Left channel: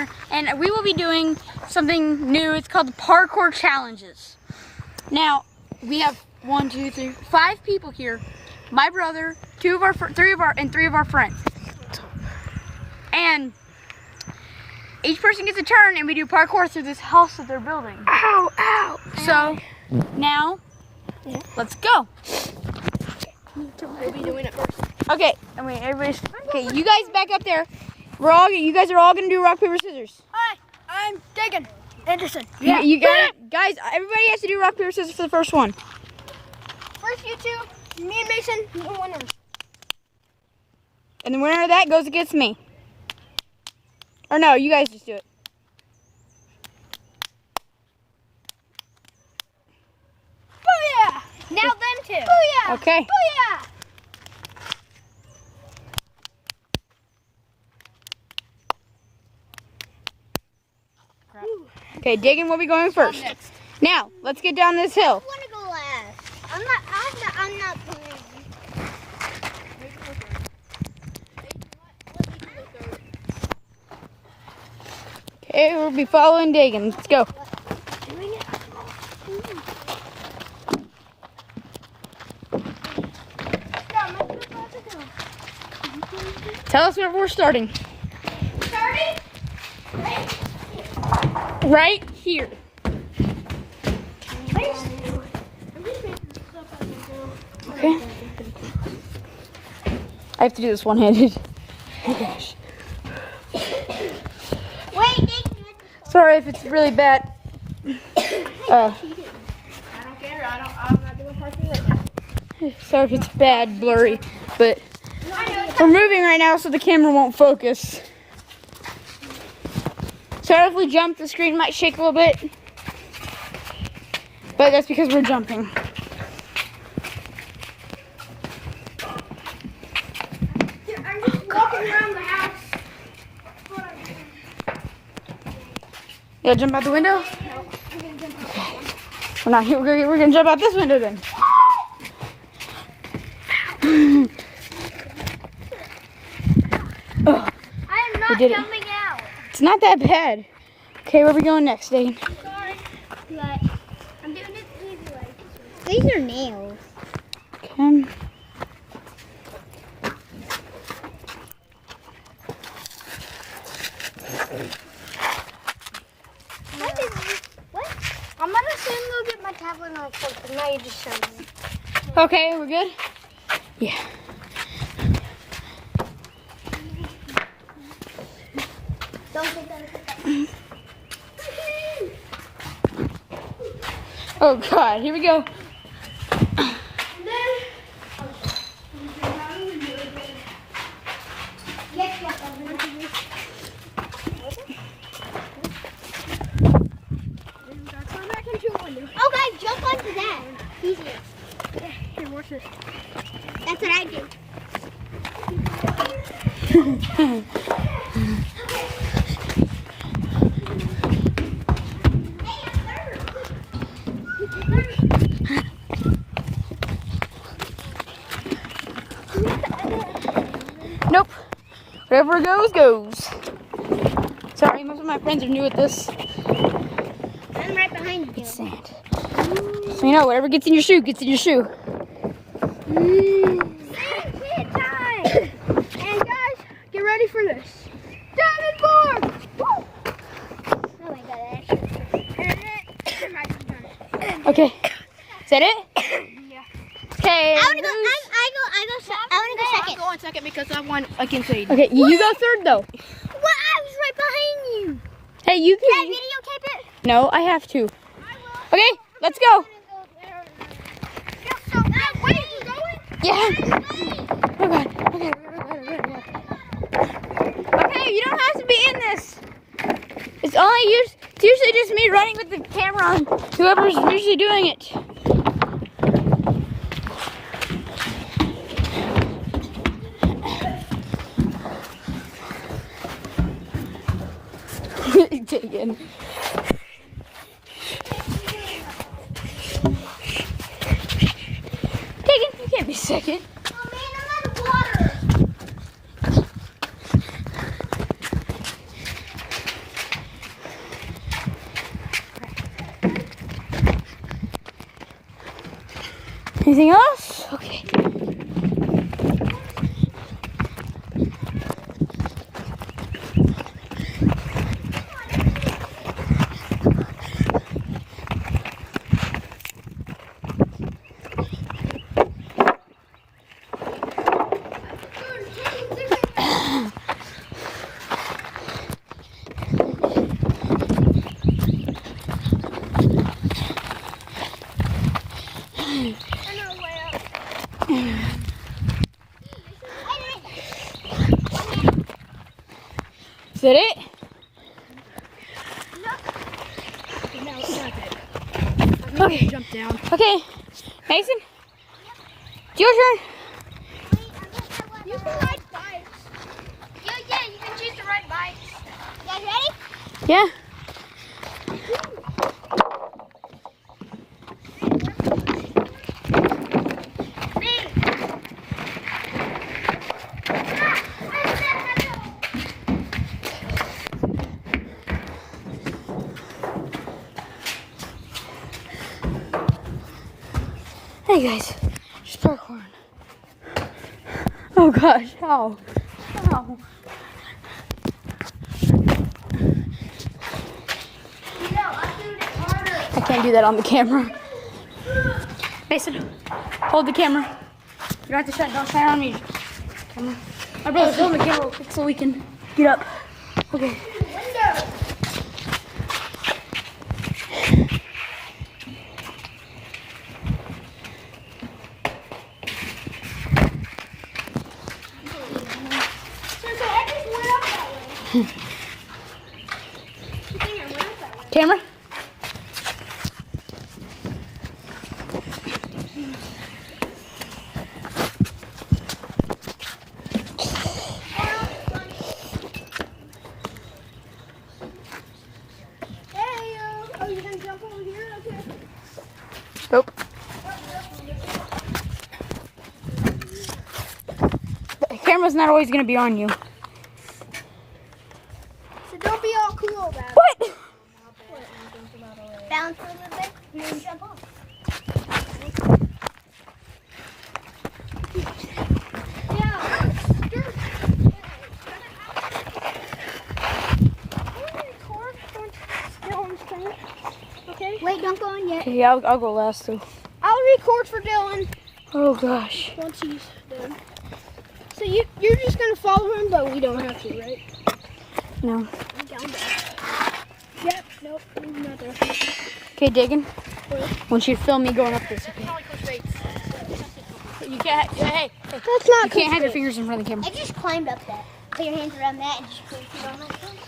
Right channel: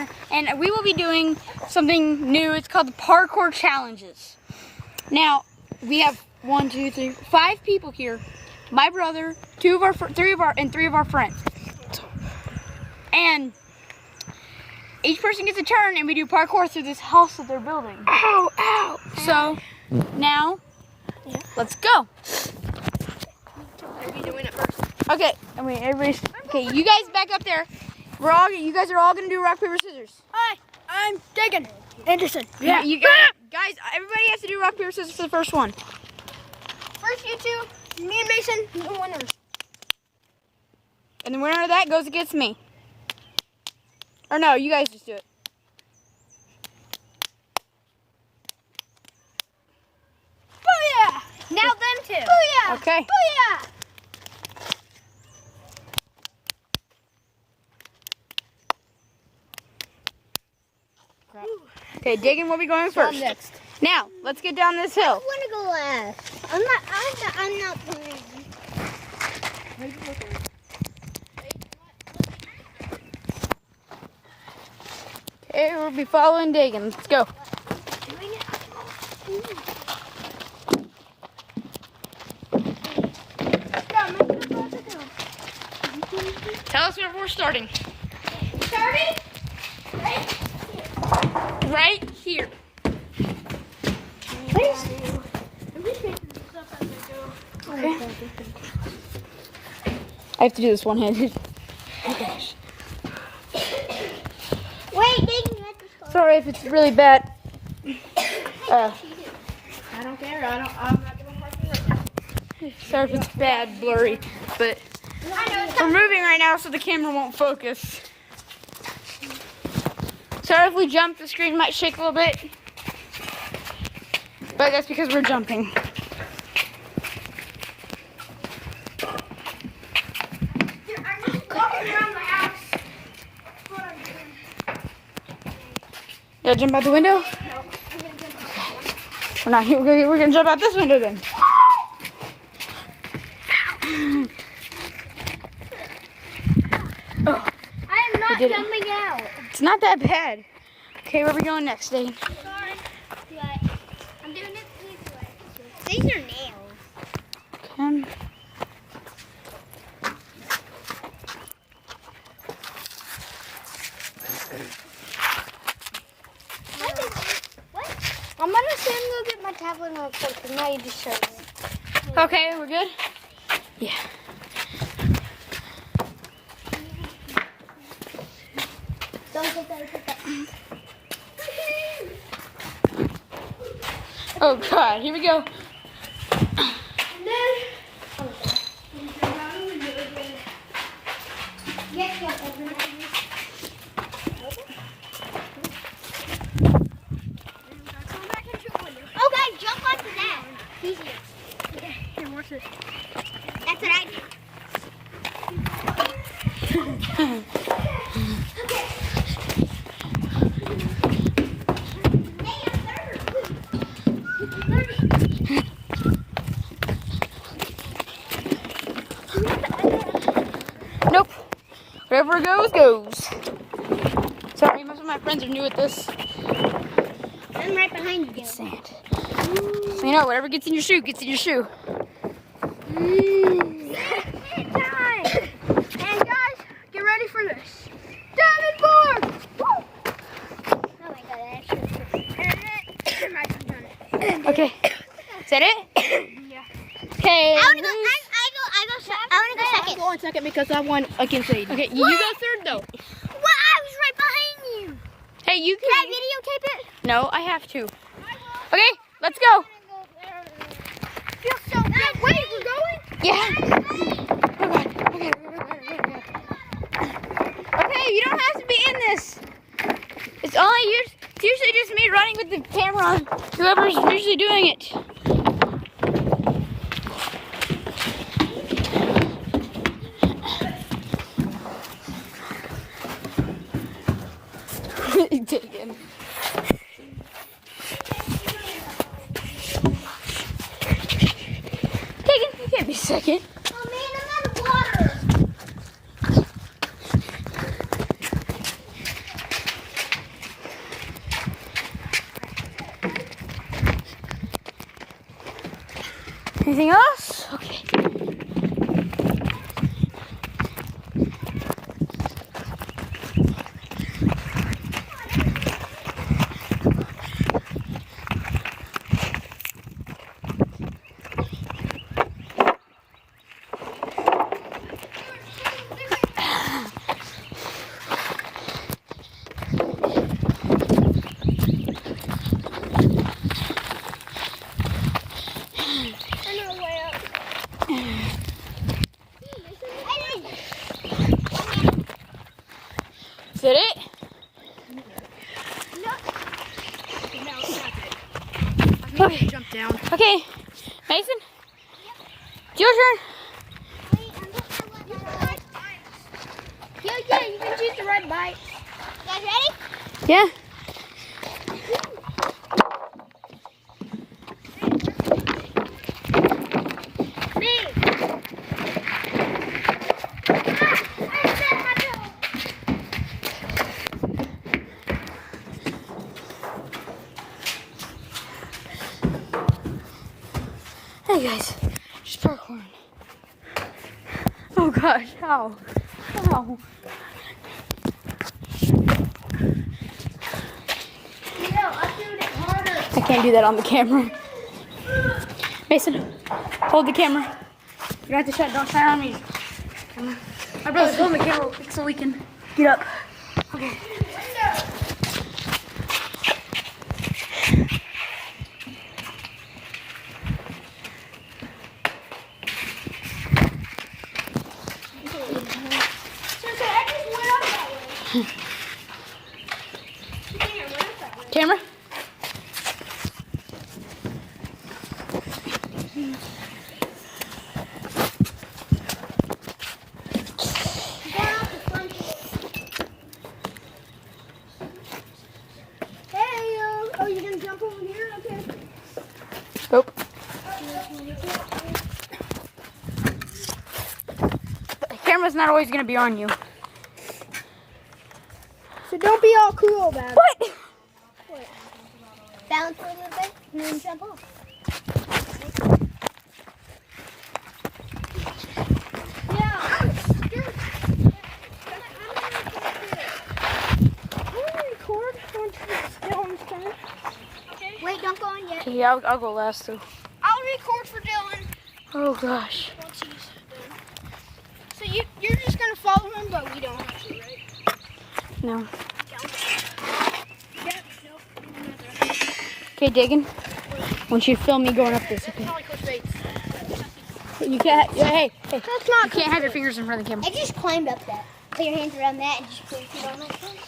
here, and we will be doing something new. It's called the Parkour Challenges. Now, we have 5 people here. My brother, 3 of our friends. And each person gets a turn, and we do parkour through this house that they're building. Ow, ow. So, now, let's go. We'll be doing it first. Okay, okay, you guys back up there. You guys are all gonna do rock, paper, scissors. Hi, I'm Dagan Anderson. Yeah, guys, everybody has to do rock, paper, scissors for the first one. First, you two, me and Mason, the winners. And the winner of that goes against me. Or no, you guys just do it. Booyah! Now them two. Booyah! Okay. Booyah! Okay, Dagan will be going first. Next. Now, let's get down this hill. I want to go last. I'm not playing. Okay, we'll be following Dagan. Let's go. Tell us where we're starting. Right here. Okay. I have to do this one-handed. Oh gosh. Sorry if it's really bad. I don't care. I'm not doing parkour. Sorry if it's bad, blurry, but we're moving right now, so the camera won't focus. Sorry if we jump, the screen might shake a little bit, but that's because we're jumping. I'm just walking around the house. Yeah, jump out the window? We're not here. We're gonna jump out this window then. I am not jumping out. It's not that bad. Okay, where are we going next, Dane? Sorry, but I'm doing it easy like this. These are nails. Okay. What? I'm gonna stand and go get my tablet and I'll record, because now you just showed me. Okay, we're good? Yeah. Don't get that. Oh God, here we go. And then, okay, jump onto that. Easy. That's what I do. Nope. Whatever goes, goes. Sorry, most of my friends are new at this. I'm right behind you. Sand. You know, whatever gets in your shoe, gets in your shoe. Time. And guys, get ready for this. Diamond board! Woo! Oh my god, I actually Okay. Is that it? Yeah. Okay. I want to go second. I'll go on second because I won against Aiden. Okay, you go third though. Well, I was right behind you. Hey, you Can I can. videotape it? No, I have to. Okay, let's go. Feels so bad. Wait, we're going? Yeah. Okay. Okay, you don't have to be in this. It's usually just me running with the camera on whoever's usually doing it. Taken. You can't be second. Oh man, I'm out of water. Anything else? Okay. Is that it? No, it's not it. Okay. Jump down. Okay. Mason? It's your turn. You can ride bikes. Yeah, you can choose to ride bikes. You guys ready? Yeah. Hey guys, just parkour. Oh gosh, ow. Ow. I can't do that on the camera. Mason, hold the camera. You don't have to shine, don't shine on me. Camera. My brother's holding the camera real quick so we can get up. Okay. Camera? Oh, you're gonna jump over here? Okay. Nope. The camera's not always going to be on you. So don't be all cool about it. What? Balance a little bit and then jump off. Wait, don't go in yet. Okay, I'll go last too. I'll record for Dylan Oh gosh. once he's done. So you're just gonna follow him, but we don't have to, right? No. Yep. Nope. Not there. Okay, digging. Once you film me going up this, okay? You can't. Hey, Well, it's not. you can't have your fingers in front of the camera. I just climbed up that. Put your hands around that and just put your feet on that thing.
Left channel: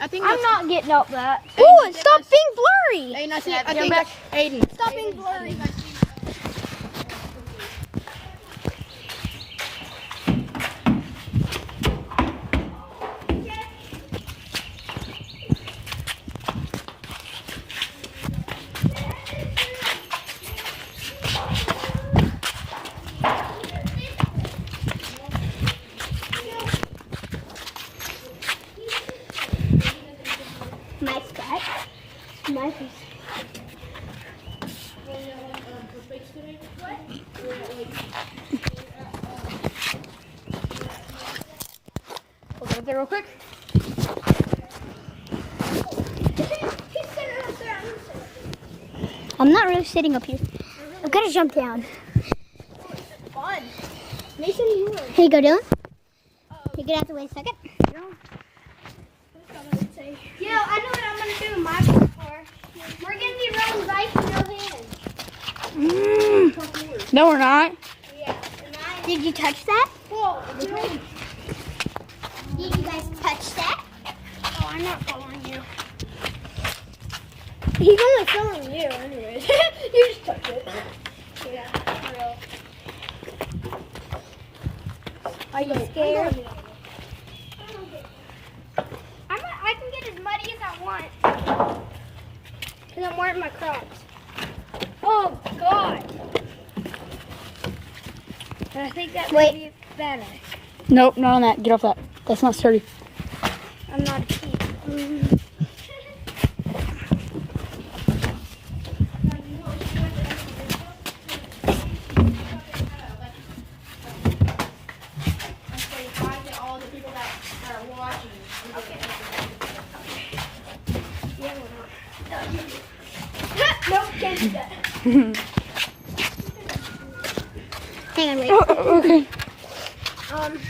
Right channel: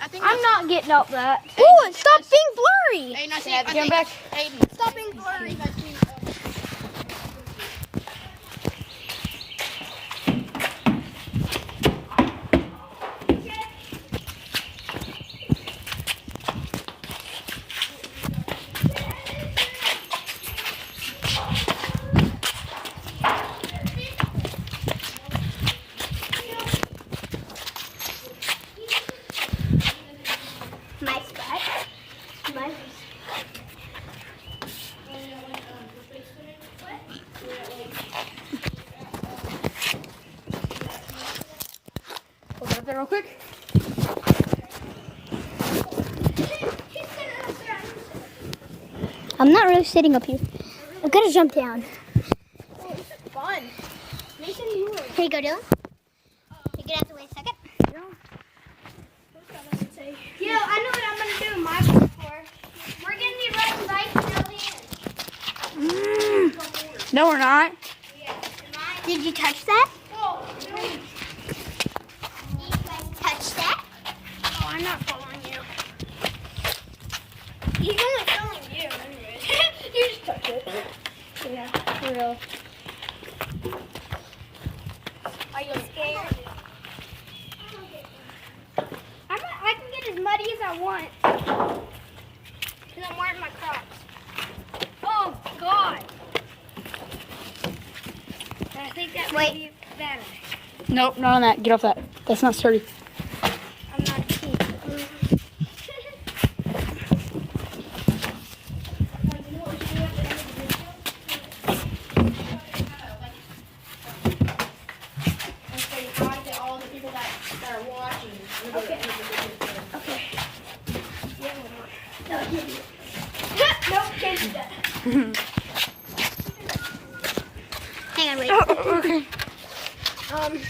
I think I'm not getting up that. Ooh, and stop being blurry. Aiden, I Come think back. Aiden. Stop being blurry. My spot. My Hold it up there real quick. I'm not really sitting up here. I've got to jump down. Oh, this is fun. Mason, you are. Here you go, Dylan. You get out the way a second. You know, I know what I'm going to do in my parkour. We're going to be riding bikes with no hands. No, we're not. Yeah. Did you touch that? Whoa, Did you guys touch that? oh, I'm not following you. He's only filming you anyway. You just touch it. Yeah, for real. Are you scared? I can get as muddy as I want. Because I'm wearing my Crocs. Oh, God. And I think that might be better. Nope, not on that. Get off that. That's not sturdy. I'm not cheap. Hang on, wait. Oh, okay. Um,